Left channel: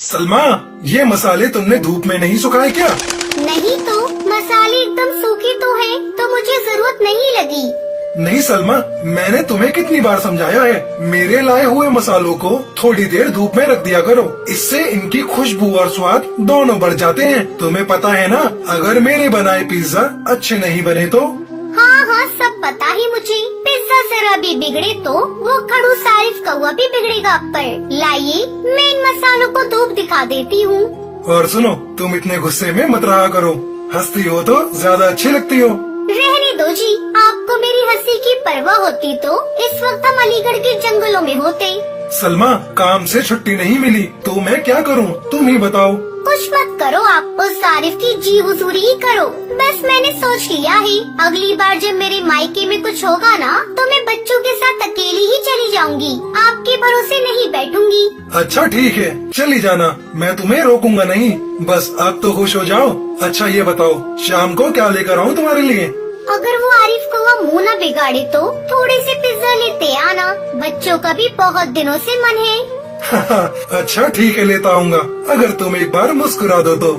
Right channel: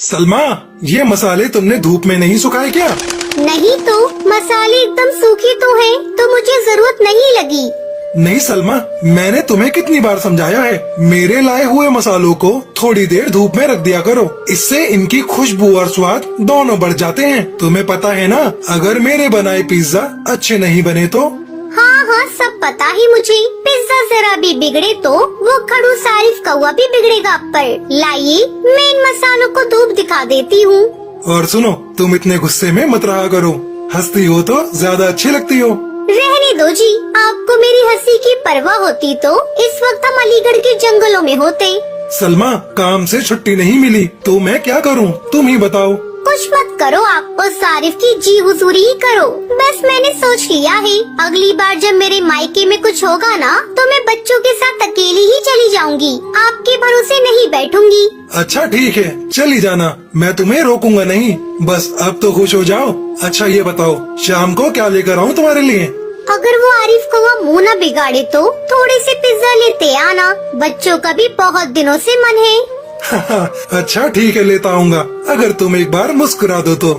सलमा, ये मसाले तुमने धूप में नहीं सुखाए क्या? नहीं तो मसाले एकदम सूखे तो हैं, तो मुझे जरूरत नहीं लगी। नहीं सलमा, मैंने तुम्हें कितनी बार समझाया है, मेरे लाए हुए मसालों को थोड़ी देर धूप में रख दिया करो, इससे इनकी खुशबू और स्वाद दोनों बढ़ जाते हैं। तुम्हें पता है ना, अगर मेरे बनाए पिज्जा अच्छे नहीं बने तो? हाँ हाँ, सब पता है मुझे। पिज्जा जरा भी बिगड़े तो वो खड़ूस आरिफ कौवा भी बिगड़ेगा। पर लाइए, मैं इन मसालों को धूप दिखा देती हूँ। और सुनो, तुम इतने गुस्से में मत रहा करो, हंसती हो तो ज्यादा अच्छी लगती हो। रहने दो जी, आपको मेरी हंसी की परवाह होती तो इस वक्त हम अलीगढ़ के जंगलों में होते। सलमा, काम से छुट्टी नहीं मिली तो मैं क्या करूँ, तुम ही बताओ। कुछ मत करो आप, और आरिफ की जी हुजूरी ही करो। बस मैंने सोच लिया है, अगली बार जब मेरे मायके में कुछ होगा ना, तो मैं बच्चों के साथ अकेली ही चली जाऊंगी, आपके भरोसे नहीं बैठूंगी। अच्छा ठीक है, चली जाना, मैं तुम्हें रोकूंगा नहीं। बस अब तो खुश हो जाओ। अच्छा ये बताओ, शाम को क्या लेकर आऊँ तुम्हारे लिए? अगर वो आरिफ को वो मुँह न बिगाड़े तो थोड़े से पिज्जा लेते आना, बच्चों का भी बहुत दिनों से मन है। अच्छा ठीक है, लेता आऊंगा, अगर तुम एक बार मुस्कुरा दो तो।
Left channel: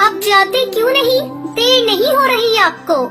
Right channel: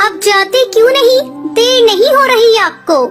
अब जाते क्यों नहीं, देर नहीं हो रही आपको?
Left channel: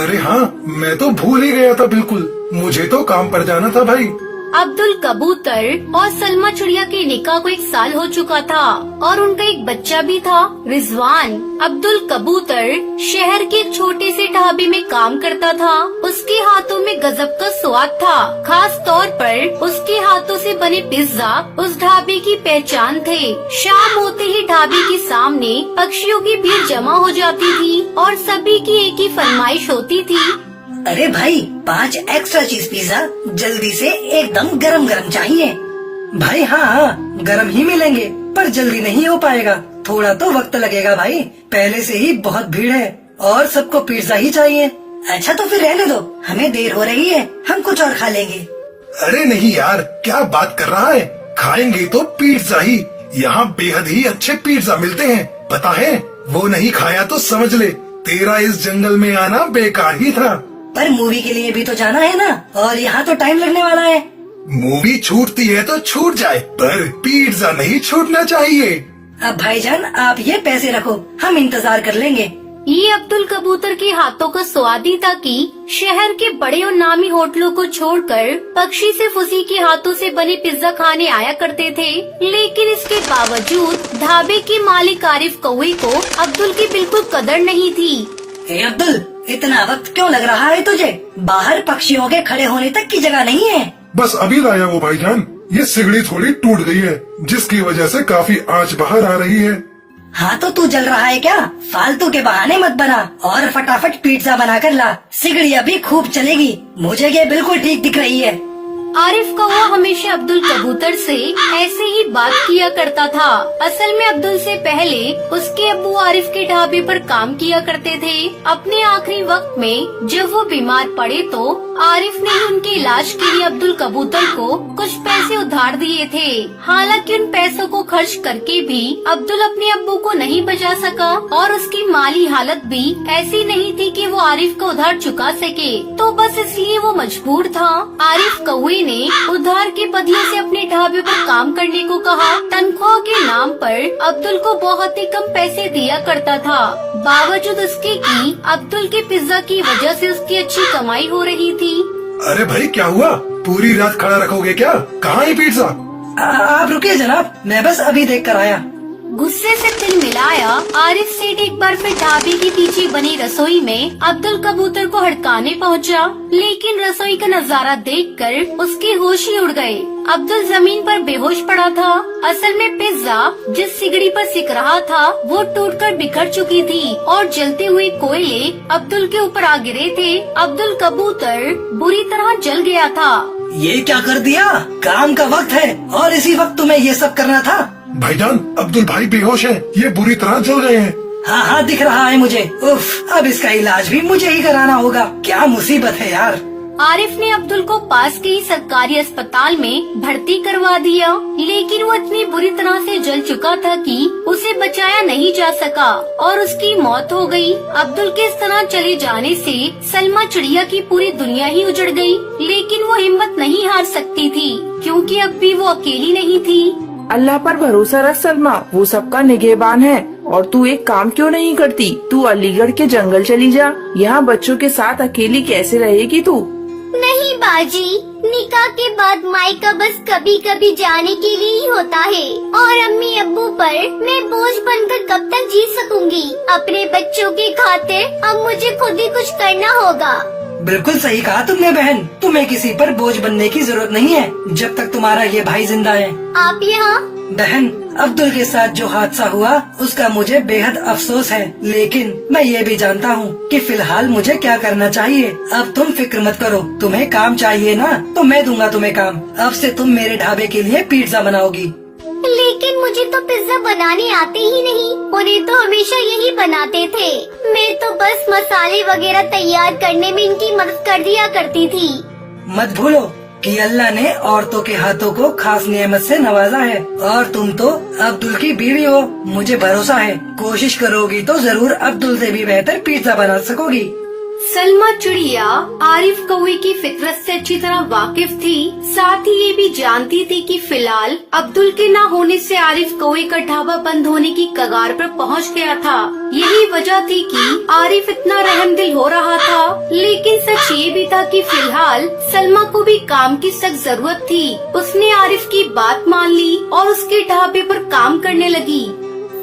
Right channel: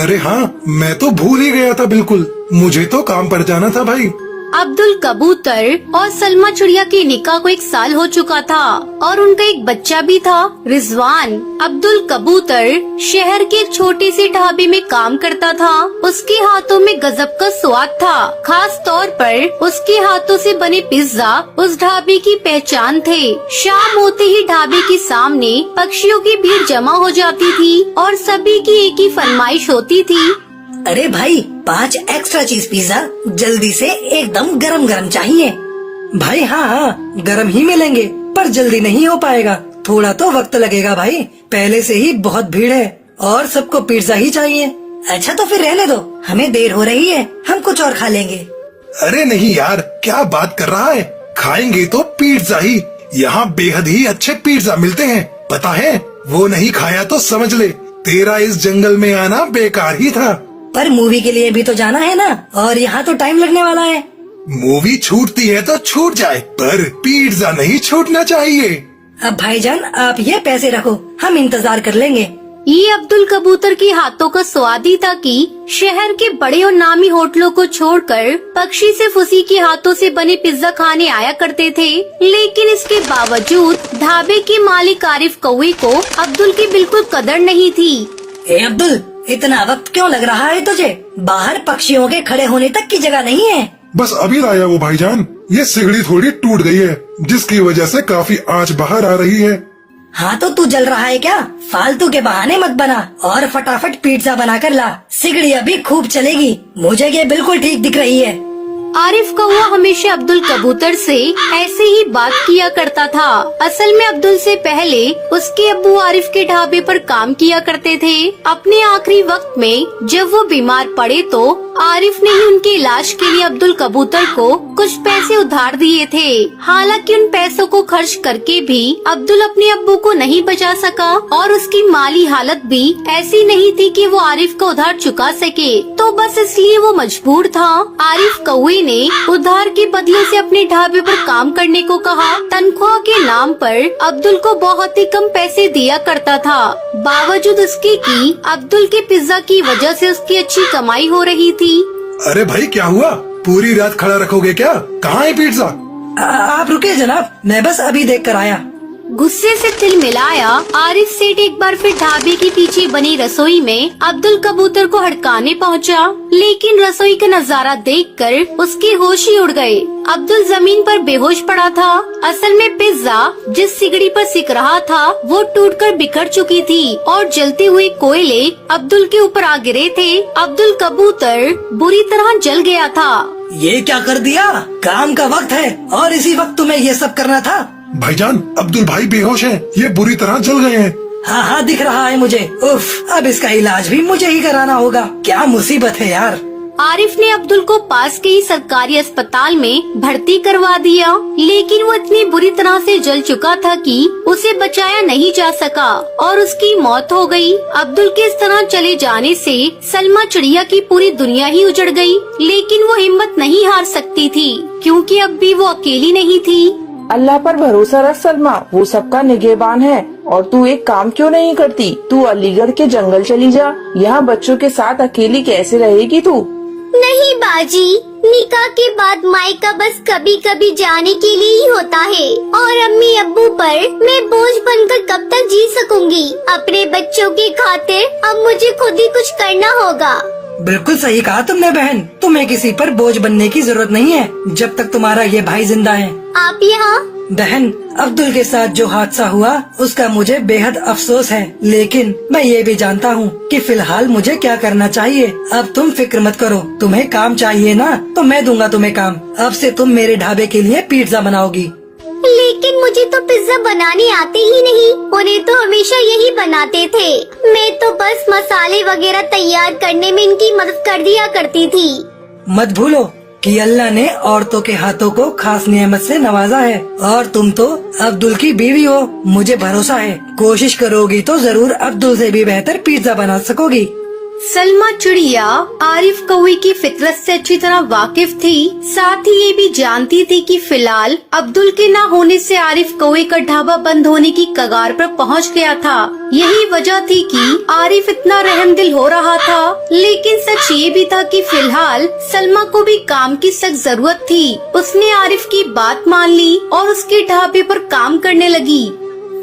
अरे हाँ, मैं तो भूल ही गया था बिल्कुल, मुझे तो काम पर जाना था भाई। अब्दुल कबूतर और सलमा चिड़िया के निकाह को 1 साल हो चुका था और उनका एक बच्चा भी था, रिजवान। अब्दुल कबूतर शहर के एक छोटे से ढाबे में काम करता था। उसके हाथों में गजब का स्वाद था, खास तौर पर उसके हाथों से बने पिज्जा उस ढाबे की पहचान थे। शाम होते ही ढाबे के सामने पक्षियों की भीड़ जमा हो जाती थी और सभी की एक ही फरमाइश होती थी। अरे भाई, 5 एक्स्ट्रा चीज पिज्जा, जल्दी से, एकदम गरम गरम चाहिए। भाई हाँ, गरम ही मिलेंगे, पर जल्दी नहीं हो पाएगा, थोड़ा तो वक्त लगेगा भाई, पहले से ही बहुत भीड़ है और सबको पिज्जा ही चाहिए। अच्छा तो फिर रहने दो, हमें देर हो रही है, हम कुछ और खा लेंगे। अरे नहीं यार, क्या बात कर रहा है, खाएंगे तो पिज्जा ही, यहाँ बेहद ही अच्छे पिज्जा मिलते हैं, पता है? वो नहीं खाया तो समझ ले, तेरा इस जंगल में आना बेकार ही था। पर मूवी के लिए भी तो जाना है ना, और यहाँ तो टाइम लगने वाला है। मूवी छूटती है तो छूट जाए, पर पिज्जा नहीं छूटना चाहिए। अब भाईजान, आप ये पैसे रखो, हम इंतजार कर लेंगे। ये अब्दुल कबूतर के हाथों का स्वाद ही था कि शहर के बड़े और नामी होटलों को छोड़कर पक्षी सिर्फ उसी के हाथों से बने पिज्जा खाने आया करते थे। लेकिन इसके बावजूद ढाबे के मालिक आरिफ कौवे को अब्दुल की बिल्कुल कदर नहीं थी। ए अब्दुल, इतना वक्त क्यों लग रहा है तुझे? बाहर पक्षियों के खड़े होने तक की जगह नहीं है। बस अभी लाया वो भाईजान, ये सिगड़ी थोड़ी टूट गई है, जिसकी वजह से काफी आंच बाहर आ रही है। हाँ तो तू जल रहा है क्या? फालतू के बहाने मत बना और फटाफट पिज्जा बना कर ला, सिगड़ी अभी खूब चलेगी, मुझे ये बिल्कुल ठीक दिख रही है। आरिफ कौवा हमेशा अब्दुल कबूतर से ऐसे ही बात किया करता था। असल में अब्दुल से पहले उसके अब्बू आरिफ के ढाबे पर काम किया करते थे। अपने आखिरी वक्त में जब वो बीमार पड़े तो आरिफ ने ही उनके इलाज के लिए अब्दुल कबूतर को कुछ पैसे उधार दिए थे। हालांकि उन पैसों को खर्च करके भी अब्दुल अपने अब्बू को नहीं बचा सका और उसकी माली हालत भी ऐसी नहीं थी कि वो आरिफ का उधार चुका सके, तो बस इसलिए वो मजबूर था। आरिफ कौवे ने उधार के बदले से अपने ढाबे पर काम करने को कहा। तनख्वाह के नाम पर अब्दुल को बहुत ही कम पैसे दिया करता था, बावजूद उसके कि अब्दुल के पिज्जा की वजह से उसकी अच्छी कमाई हो रही थी। अरे भाई क्या हुआ, पूरी रात खड़ा रखोगे क्या? कहाँ है पिज्जा? आप रुकिए जनाब, मैं बस अभी देख कर आया। गुस्से से तिल मिलाया आरिफ सेठ एक बार फिर ढाबे के पीछे बनी रसोई में अब्दुल कबूतर को हड़काने पहुंचा, लेकिन रसोई का नजारा देखकर उसके होश ही उड़ गए। अब्दुल जमीन पर बेहोश पड़ा था। असल में पिज्जा जिस सिगड़ी पर सिक रहा था वो टूटकर बिखर चुकी थी और जलते हुए कोयले अब्दुल के ऊपर आ गिरे थे। अब्दुल कबूतर बुरी तरह जल गया था। ये क्या कर दिया? काम का वक्त है और इसी वक्त तुम्हें ये सब करना था? भाईजान, अब्दुल भाई बेहोश हैं, ये बुरी तरह जल गए हैं। हाँ हाँ, दिख रहा है मुझे। उफ, अब इसका इलाज भी मुझे ही कराना होगा, क्या मुसीबत है यार। आरिफ ने अब्दुल को पास के ही सरकारी अस्पताल में भर्ती करवा दिया, लेकिन वो इतनी बुरी तरह से जल चुका था कि उसे बचाया नहीं जा सका और उसकी मौत हो गई। अब्दुल के इस तरह चले जाने से सलमा चिड़िया की पूरी दुनिया ही उजड़ गई, लेकिन वो हिम्मत नहीं हार सकती थी क्योंकि अब भी वो अकेली नहीं थी। अल्लाह पर भरोसा रख सलमा, वो सबका निगहबान है। और तू एक काम क्यों नहीं करती, तू अलीगढ़ के जंगल चली जा। यहाँ बच्चों के साथ अकेली कैसे रहेगी तू? नहीं बाजी, निकाह के बाद मायका बस कभी कभी जाने के लिए ही होता है। और अम्मी अब्बू पर मैं बोझ बनकर कब तक जी सकूंगी? अपने बच्चों की खातिर अब मुझे खुद ही कुछ करना होगा। बिल्कुल सही कहा तुमने बहन, तुम्हें किसी पर बोझ बनने की जरूरत नहीं है जब तक तुम्हारा ये भाई जिंदा है। आप यहाँ? बहन, अब्दुल के साथ जो हादसा हुआ उसका मुझे बेहद अफसोस है, लेकिन मैं ये भी जानता हूँ कि फिलहाल मुझे क्या करना चाहिए। अब तुम फिक्र मत करो, तुम्हें काम चाहिए ना तो मैं दूंगा तुम्हें काम। अब से तुम मेरे ढाबे के लिए पिज्जा बनाओगी। लेकिन मुझे तो पिज्जा बनाने आते ही नहीं, उन्हें तो हमेशा यही बनाते थे। मैं तो बस मसाले वगैरह तैयार करने में इनकी मदद कर दिया करती थी। मत भूलो कि अल्लाह ने औरतों के हाथों को खास नेमत से नवाजा है, और तुम तो अब्दुल की बीवी हो। मुझे भरोसा है कोशिश करोगी तो जरूर अब्दुल से भी बेहतर पिज्जा बना सकोगी। सलमा चिड़िया आरिफ कौवे की फितरत से अच्छी तरह वाकिफ थी, साथ ही ये भी जानती थी कि फिलहाल अब्दुल के न होने से आरिफ कौवे का ढाबा बंद होने की कगार पर पहुंच गया था। यही वजह थी कि आरिफ इतना रहमदिल हो रहा था। लेकिन सच ये भी था कि फिलहाल सलमा को भी काम की सख्त जरूरत थी। उसने आरिफ की बात मान ली और उसके ढाबे पर काम करने लगी।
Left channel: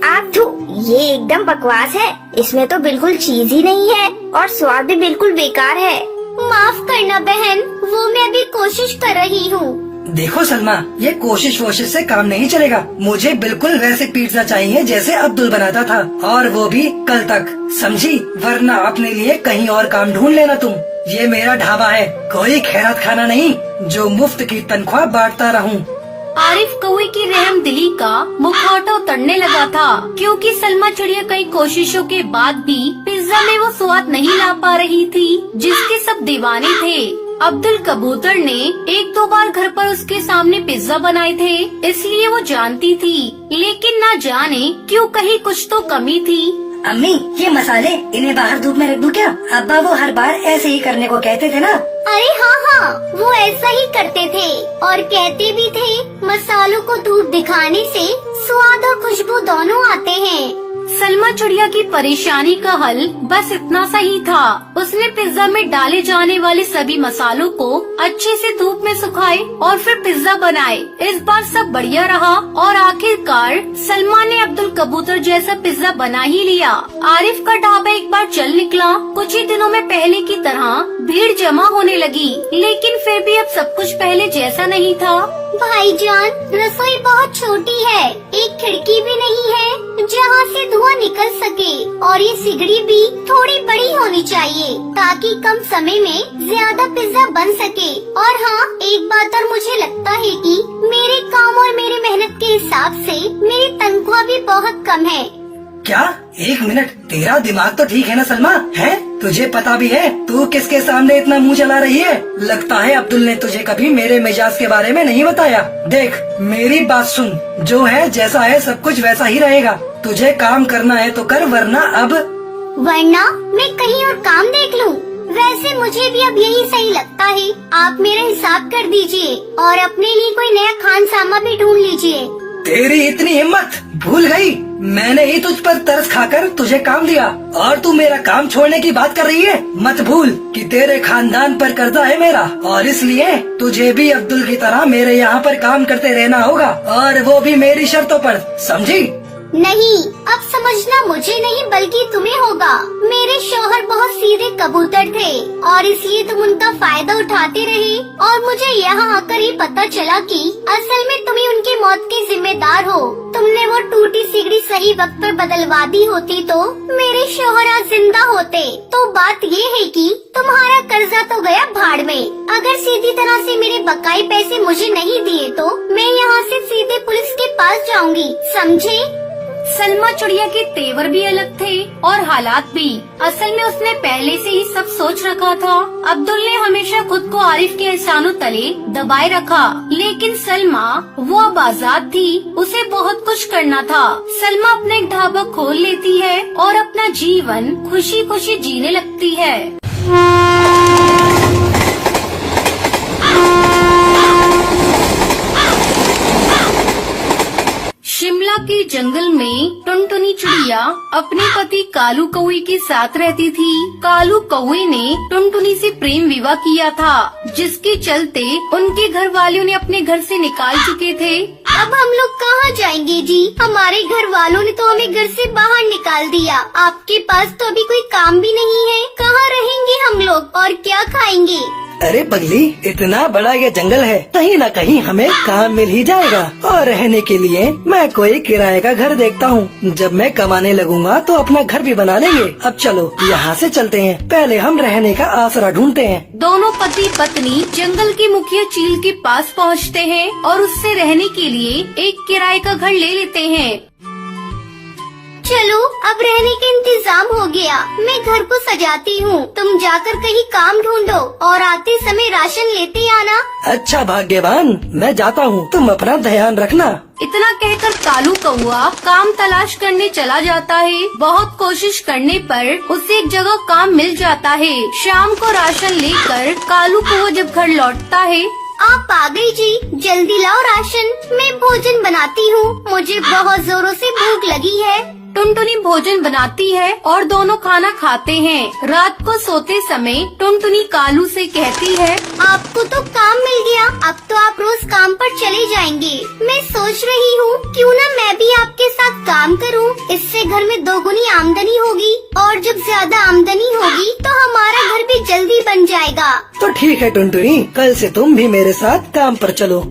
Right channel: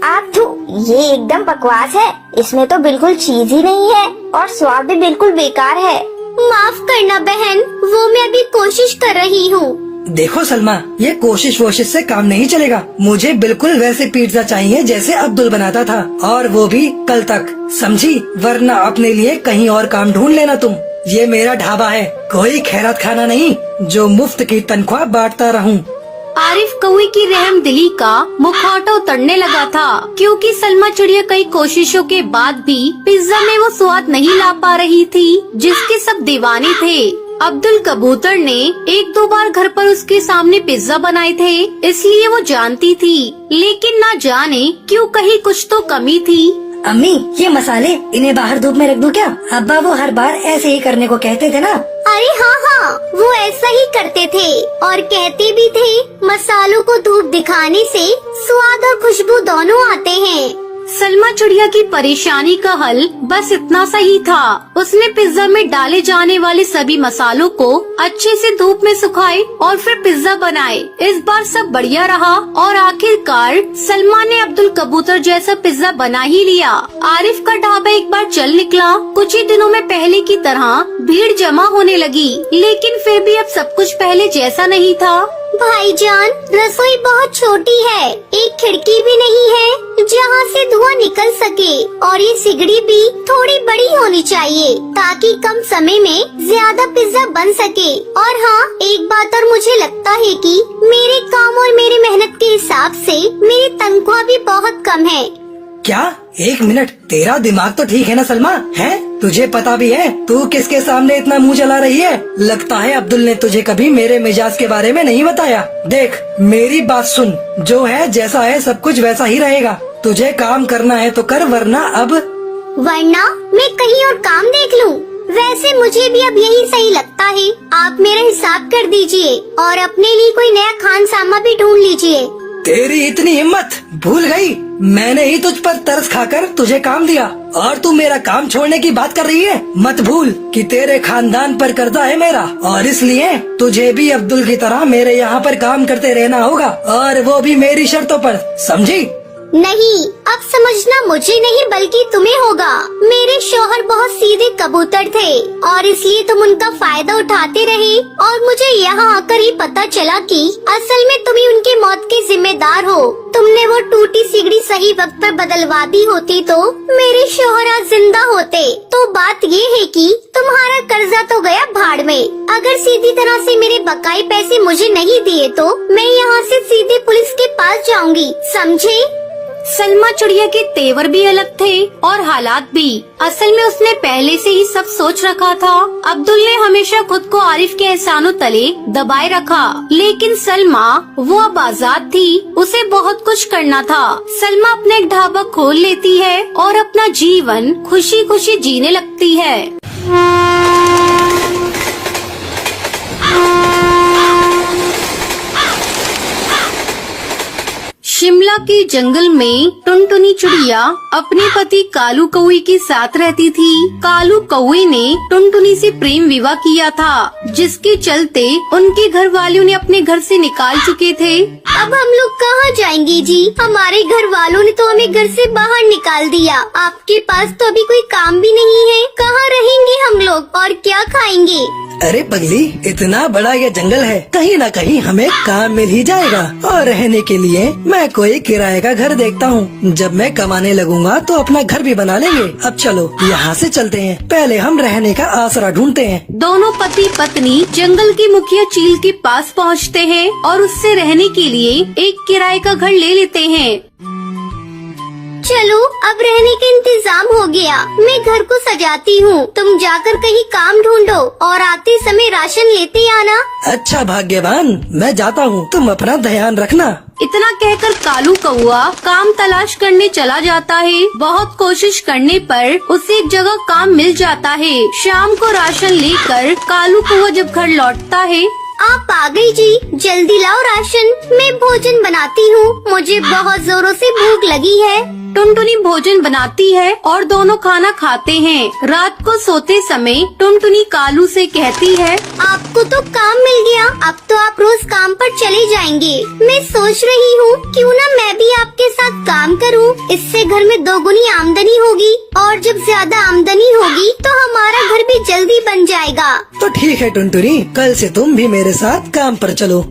आप तो ये एकदम बकवास है, इसमें तो बिल्कुल चीज ही नहीं है और स्वाद भी बिल्कुल बेकार है। माफ करना बहन, वो मैं अभी कोशिश कर रही हूँ। देखो सलमा, ये कोशिश वोशिश से काम नहीं चलेगा। मुझे बिल्कुल वैसे पिज्जा चाहिए जैसे अब्दुल बनाता था, और वो भी कल तक, समझी? वरना अपने लिए कहीं और काम ढूंढ लेना तुम। ये मेरा ढाबा है, कोई खैरात खाना नहीं जो मुफ्त की तनख्वाह बांटता रहूं। आरिफ कौवे की रहमदिली का मुखौटा उतरने लगा था, क्योंकि सलमा चिड़िया कई कोशिशों के बाद भी पिज्जा में वो स्वाद नहीं ला पा रही थी जिसके सब दीवाने थे। अब्दुल कबूतर ने एक दो बार घर पर उसके सामने पिज्जा बनाए थे, इसलिए वो जानती थी, लेकिन ना जाने क्यों कहीं कुछ तो कमी थी। अम्मी, ये मसाले इन्हें बाहर धूप में रख दो क्या? अब्बा वो हर बार ऐसे ही करने को कहते थे ना। अरे हाँ, वो ऐसा ही करते थे और कहते भी थे मसालों को धूप दिखाने से स्वाद और खुशबू दोनों आते हैं। सलमा चिड़िया की परेशानी का हल बस इतना सा ही था। उसने पिज्जा में डाले जाने वाले सभी मसालों को अच्छे से धूप में सुखाए और फिर पिज्जा बनाए। इस बार सब बढ़िया रहा और आखिरकार सलमा ने अब्दुल कबूतर जैसा पिज्जा बना ही लिया। आरिफ का ढाबा एक बार चल निकला। कुछ ही दिनों में पहले की तरह भीड़ जमा होने लगी, लेकिन फिर भी अब सब कुछ पहले जैसा नहीं था। भाईजान, रसोई बहुत छोटी है, एक खिड़की भी नहीं है जहाँ से धुआं निकल सके, और ये सिगड़ी भी थोड़ी बड़ी होनी चाहिए ताकि कम समय में ज्यादा पिज्जा बन सके। और हाँ, एक बात और मुझे लगता है कि मेरे काम और मेरी मेहनत के हिसाब से मेरी तनख्वाह भी बहुत कम है। क्या? एक मिनट, तेरा दिमाग तो ठीक है ना सलमा? है? तुझे पता भी है तू किसके सामने इतना मुंह चला रही है? लगता है अब्दुल ने तुझे कभी मेरे मिजाज के बारे में नहीं बताया। देख, मेरी बात सुन, जो है जैसा है सब कुछ वैसा ही रहेगा। तुझे काम करना है तो कर, वरना मैं कहीं और काम देख लूँ। वैसे मुझे भी अब यही सही लगता है। आप मेरा हिसाब कर दीजिए और अपने लिए कोई नया खानसामा भी ढूंढ लीजिए। तेरी इतनी हिम्मत? भूल गई, मैंने ही तुझ पर तरस खाकर तुझे काम दिया और तू मेरा काम छोड़ने की बात कर रही है। मत भूल कि तेरे खानदान पर कर्जा है मेरा, और इसलिए तुझे भी अब्दुल की तरह मेरे यहाँ पर काम करते रहना होगा, और वो भी मेरी शर्तों पर, समझी? नहीं, अब समझना मुझे नहीं बल्कि तुम्हें होगा। मेरे शौहर बहुत सीधे कबूतर थे और इसलिए तुम उनका फायदा उठाते रहे, और मुझे यहाँ आकर ही पता चला कि असल में तुम ही उनकी मौत के जिम्मेदार हो। तुमने वो टूटी सिगड़ी सही वक्त पर बदलवा दी होती तो मेरे शौहर आज जिंदा होते। तो बात ये है कि तुम्हारा कर्जा तो गया भाड़ में। अगर सीधी तरह से मेरे बकाई पैसे मुझे नहीं दिए तो मैं यहाँ से सीधे पुलिस के पास जाऊंगी, समझे? सलमा चिड़िया के तेवर भी अलग थे और हालात भी। असल में उसने पहले से ही सब सोच रखा था। अब्दुल ने हमेशा खुद को आरिफ के एहसानों तले दबाए रखा, लेकिन सलमा वो अब आजाद थी, उसे बहुत कुछ करना था। सलमा अपना एक ढाबा खोल लेती है और अपना जीवन खुशी खुशी जीने लगती है। शिमला के जंगल में टुनटुनी चिड़िया अपने पति कालू कौवे के साथ रहती थी। कालू कौवे ने टुनटुनी से प्रेम विवाह किया था, जिसके चलते उनके घर वालों ने अपने घर से निकाल चुके थे। अब हम लोग कहाँ जाएंगे जी? हमारे घर वालों ने तो हमें घर से बाहर निकाल दिया। आपके पास तो अभी कोई काम भी नहीं है, कहाँ रहेंगे हम लोग और क्या खाएंगे? अरे पगली, इतना बड़ा ये जंगल है, कहीं न कहीं हमें काम मिल ही जाएगा। और रहने के लिए मैं कोई किराए का घर देखता हूँ। जब मैं कमाने लगूंगा तो अपना घर भी बना लेंगे। अब चलो यहाँ से चलते हैं, पहले हम रहने का आसरा ढूंढते हैं। दोनों पति पत्नी जंगल के मुखिया चील के पास पहुँचते हैं और उससे रहने के लिए एक किराए का घर ले लेते हैं। चलो अब रहने का इंतजाम हो गया, मैं घर को सजाती हूँ। तुम जाकर कहीं काम ढूंढो और आते समय राशन लेते आना। अच्छा भाग्यवान, मैं जाता हूँ, तुम अपना ध्यान रखना। इतना कहकर कालू कौवा काम तलाश करने चला जाता है। बहुत कोशिश करने पर उसे एक जगह काम मिल जाता है। शाम को राशन लेकर कालू कौवा जब घर लौटता है। आप आ गए जी, जल्दी लाओ राशन, मैं भोजन बनाती हूँ, मुझे बहुत जोरों से भूख लगी है। टुनटुनी भोजन बनाती है और दोनों खाना खाते हैं। रात को सोते समय टुनटुनी कालू से कहती है, आपको तो काम मिल गया, अब तो आप रोज काम पर चले जाएंगे। मैं सोच रही हूँ क्यों न मैं भी आपके साथ काम करूँ, इससे घर में दोगुनी आमदनी होगी और जब ज्यादा आमदनी होगी तो हमारा घर भी जल्दी बन जाएगा। तो ठीक है टुनटुनी, कल से तुम भी मेरे साथ काम पर चलो।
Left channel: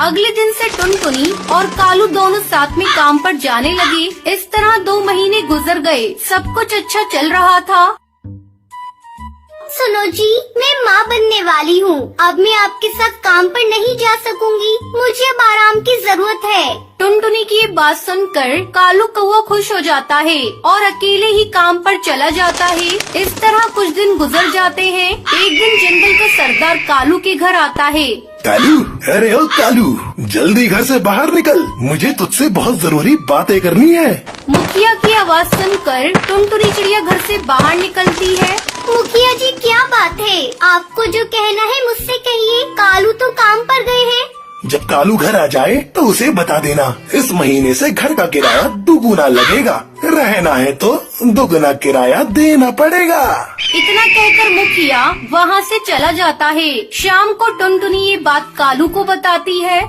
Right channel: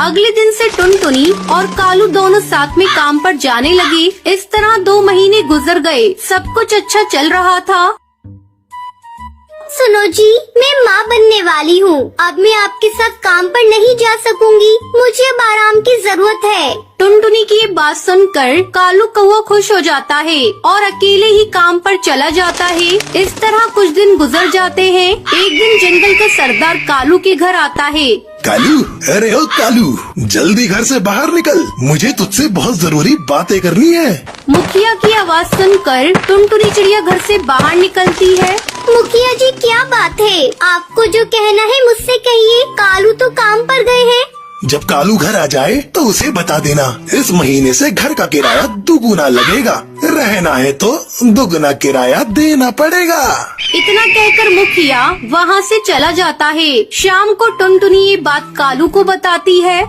अगले दिन से टुनटुनी और कालू दोनों साथ में काम पर जाने लगे। इस तरह 2 महीने गुजर गए, सब कुछ अच्छा चल रहा था। सुनो जी, मैं माँ बनने वाली हूँ, अब मैं आपके साथ काम पर नहीं जा सकूंगी, मुझे अब आराम की जरूरत है। टुनटुनी की ये बात सुनकर कालू कौवा खुश हो जाता है और अकेले ही काम पर चला जाता है। इस तरह कुछ दिन गुजर जाते हैं। एक दिन जंगल का सरदार कालू के घर आता है। कालू, अरे ओ कालू, जल्दी घर से बाहर निकल, मुझे तुझसे बहुत जरूरी बातें करनी है। मुखिया की आवाज सुनकर टुनटुनी चिड़िया घर से बाहर निकलती है। मुखिया जी क्या बात है? आपको जो कहना है मुझसे कहिए, कालू तो काम पर गए हैं। जब कालू घर आ जाए तो उसे बता देना, इस महीने से घर का किराया दुगुना लगेगा, रहना है तो दुगुना किराया देना पड़ेगा। इतना कहकर मुखिया वहाँ से चला जाता है। शाम को टुनटुनी ये बात कालू को बताती है।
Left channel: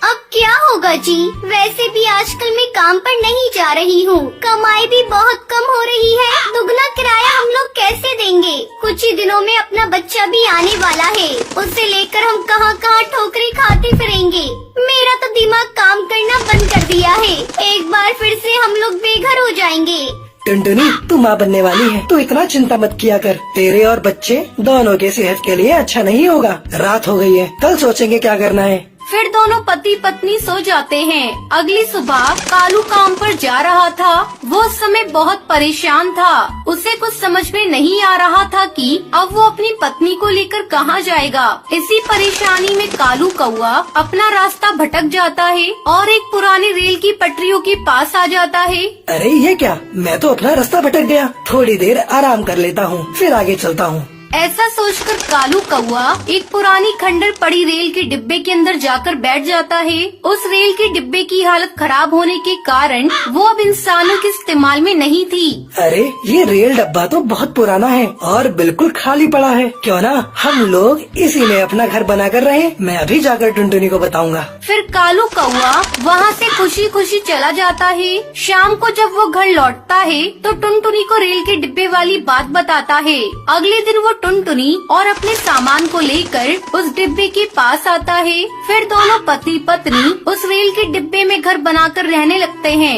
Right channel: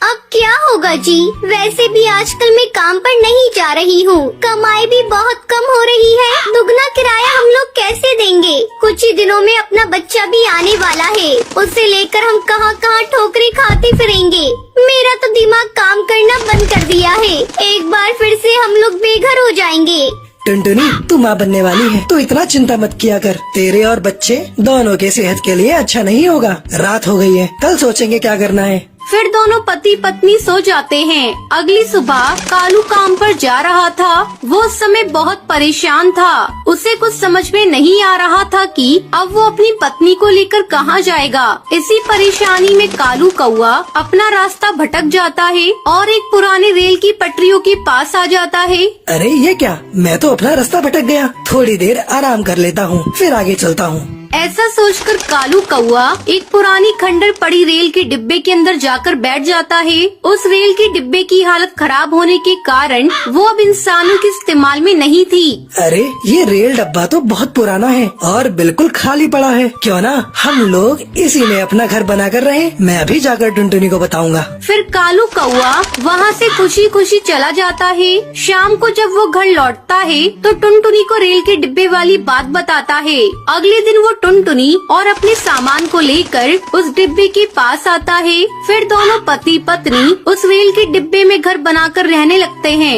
अब क्या होगा जी, वैसे भी आजकल मैं काम पर नहीं जा रही हूँ, कमाई भी बहुत कम हो रही है, दुगना किराया हम लोग कैसे देंगे? कुछ ही दिनों में अपना बच्चा भी आने वाला है, उसे लेकर हम कहाँ कहाँ ठोकरें खाते फिरेंगे। मेरा तो दिमाग काम करना बंद कर दिया है, एक बार फिर से हम लोग बेघर हो जाएंगे। टुनटुनी, तू माँ बनने वाली है, तू इतना चिंता मत किया कर, तेरे और बच्चे दोनों के सेहत के लिए अच्छा नहीं होगा। रात हो गई है, कल सोचेंगे क्या करना है। फिर दोनों पति पत्नी सो जाते हैं। अगली सुबह कालू काम पर जा रहा था। वो उस समय बहुत परेशान था, उसे कुछ समझ में नहीं आ रहा था कि अब वो अपनी पत्नी को लेकर कहाँ जाएगा। इसी परेशानी में कालू कौवा अपना रास्ता भटक जाता है और एक पुरानी रेल की पटरियों के पास आ जाता है। अरे ये क्या, मैं तो अपना रास्ता भटक गया, थोड़ी देर आराम कर लेता हूँ, फिर आगे चलता हूँ। ऐसा सोचकर कालू कौवा एक पुरानी खंडर पड़ी रेल के डिब्बे के अंदर जाकर बैठ जाता है। उस रेल के डिब्बे की हालत खराब होने के कारण वो अब इंसानों के इस्तेमाल में नहीं थी। अरे ये रेल डब्बा तो बहुत पुराना है और बिल्कुल खाली पड़ा है, क्यों ना हम लोग इसी में अपना घर बना कर रहे। मैं अभी जाकर टुनटुनी को बताऊंगा। फिर कालू कौवा वहाँ से खुशी खुशी चला जाता है। शाम को जब वो घर लौटता है तो टुनटुनी को रेल के डिब्बे वाली बात बताता है। अगले दिन वो टुनटुनी और अपने सामान को लेकर उस डिब्बे के पास आता है। फिर दोनों पति पत्नी उस रेल के डिब्बे में घर बनाकर रहने लगते हैं।